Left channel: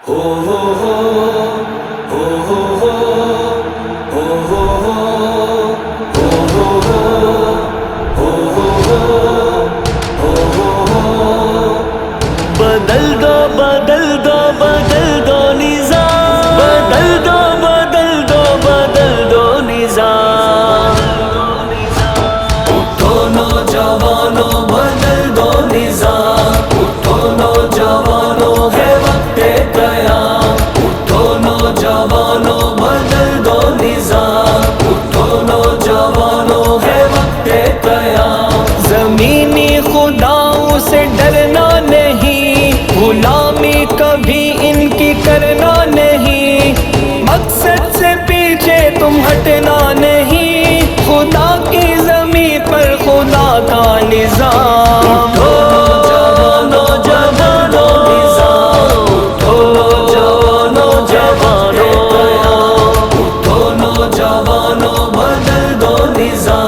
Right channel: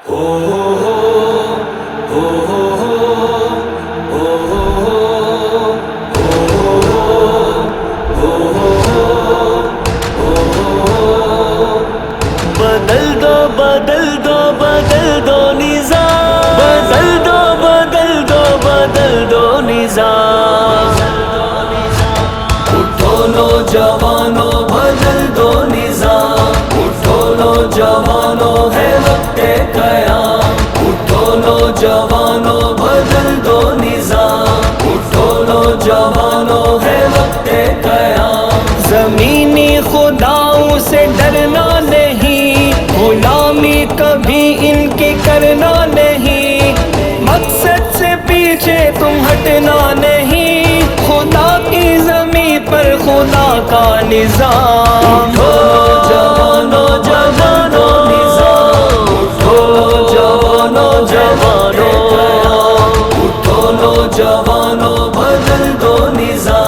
بدل دو بدل دو بدل دو نظام، بدل دو بدل دو بدل دو نظام، اٹھو نوجوانوں بدل دو نظام، اٹھو نوجوانوں ہے وقت قیام، اٹھو نوجوانوں بدل دو نظام، اٹھو نوجوانوں ہے وقت قیام، زمینی خداؤں سے ڈرنا نہیں، غلامی کبھی ان کی کرنا نہیں، مقصد سے پیچھے تم ہٹنا نہیں، خدا کی زمین پر خدا کا نظام، اٹھو نوجوانوں، اٹھو نوجوانوں، اٹھو نوجوانوں بدل دو نظام۔